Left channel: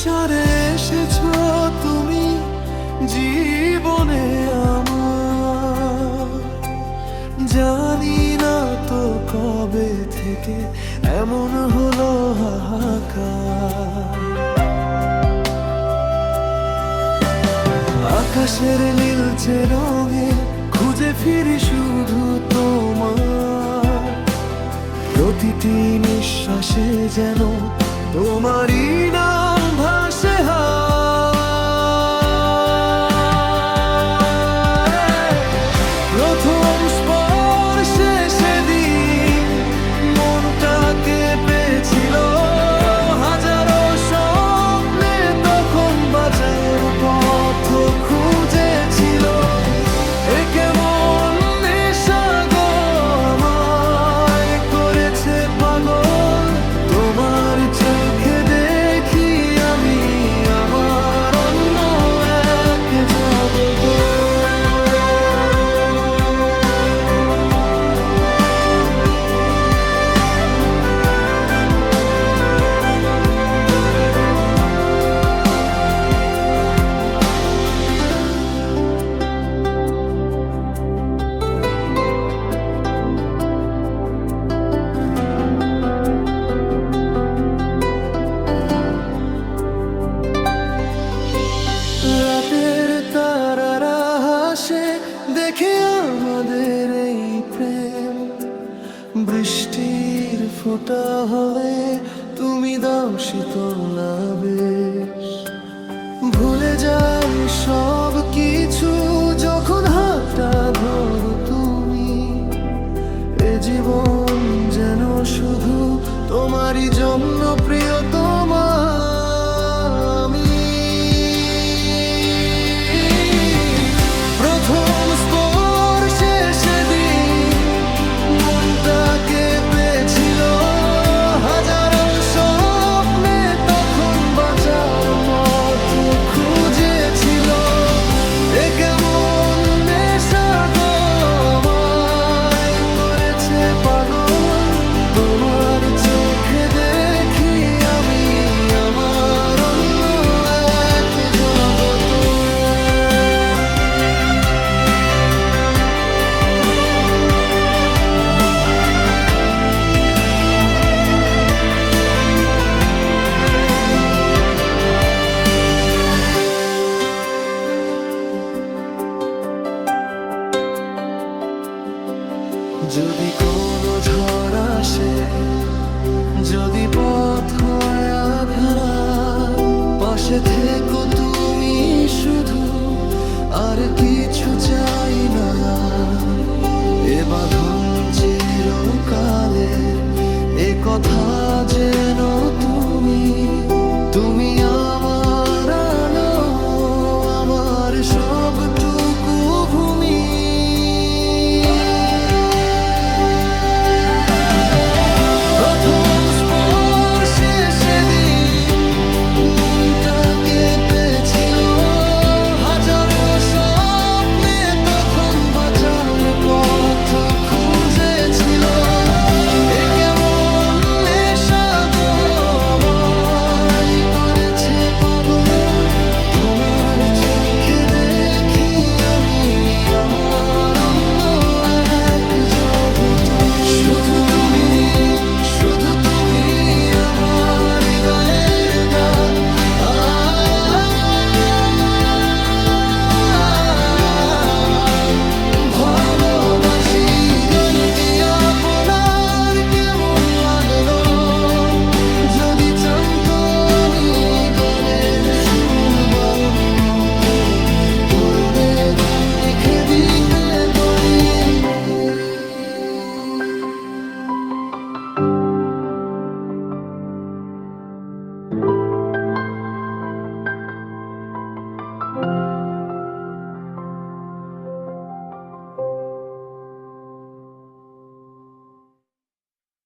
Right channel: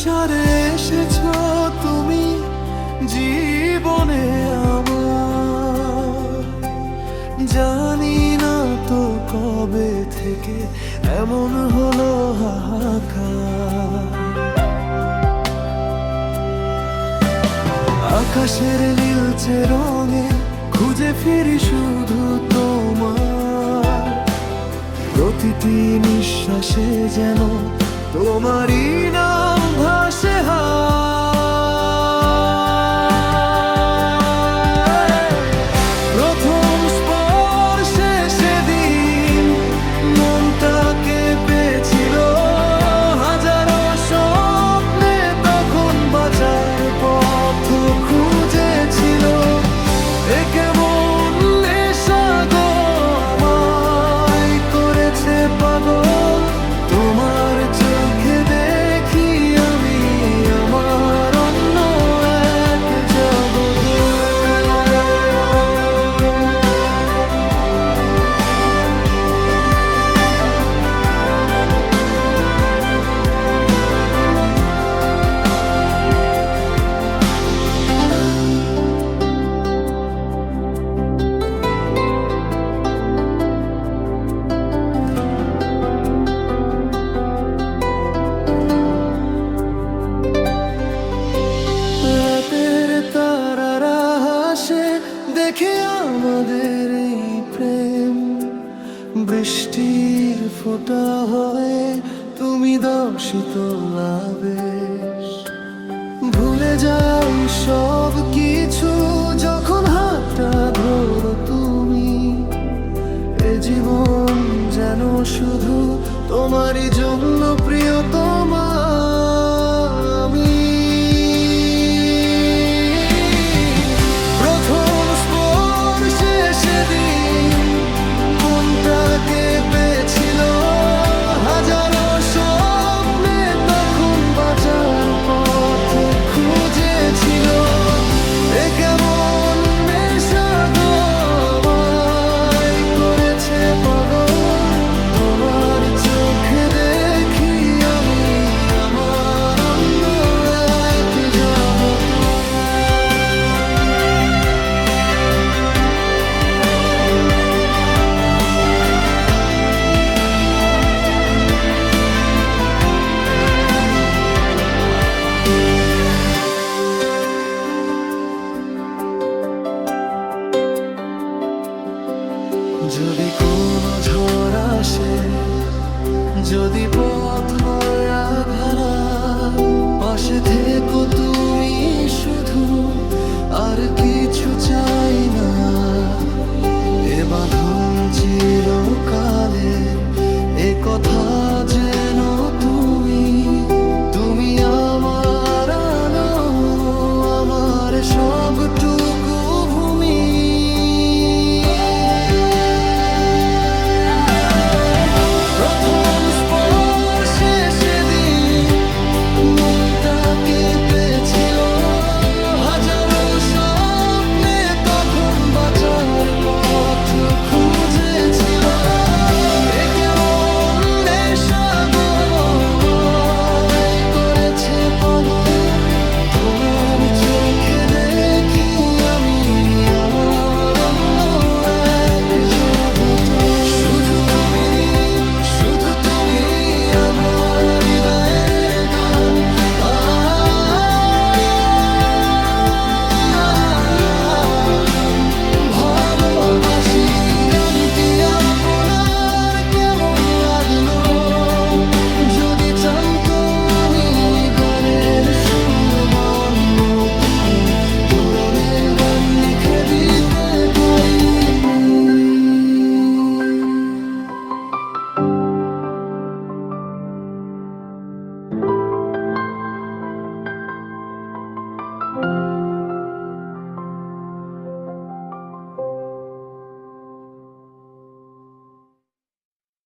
নিঃসারে এসেছো তুমি জীবনে আমার। জানি না তো কবে থেকে এমন হলো হাহাকার। আকাশের নীলচে রঙে খুঁজে ফিরি শুধু তোমার। প্রতিটি নিঃশ্বাসে যেন তোমারই নাম ভাসে প্রথম স্পর্শে সেদিন মনটা কেঁপেছিল। হাজারো স্বপ্নে তখন বাঁচার পথ খুঁজেছিল। এ কেমন নেশা গো আমায় করেছে পাগল। তোমার চোখে দেখি আমি আমার অন্য এক জগৎ। রাতের তারারা হাসে দেখে আমাদের এই প্রেম। বৃষ্টির ফোঁটা হয়ে তুমি দাও শীতল আবেশ। ভুলে যাই সব কিছু যখন হাতটা ধরো তুমি। এ জীবন যেন শুধু তোমারই জন্য প্রিয়তমা। আমি প্রথম স্পর্শে সেদিন মনটা কেঁপেছিল। হাজারো স্বপ্নে তখন বাঁচার পথ খুঁজেছিল। এ কেমন নেশা গো আমায় করেছে পাগল। তোমার চোখে দেখি আমি আমার অন্য এক জগৎ। যদি কোনো ঝড় আসে, যদি পথ হয় আঁধার, পাশে থেকো তুমি শুধু, আর কিছু চাই না। এ বাঁধন চিরকালের, এ কথা যেন তুমি আমার আলো, আমার সবটুকু ভূমি। হাজারো স্বপ্নে তখন বাঁচার পথ খুঁজেছিল। এ কেমন নেশা গো আমায় করেছে পাগল। তোমার চোখে দেখি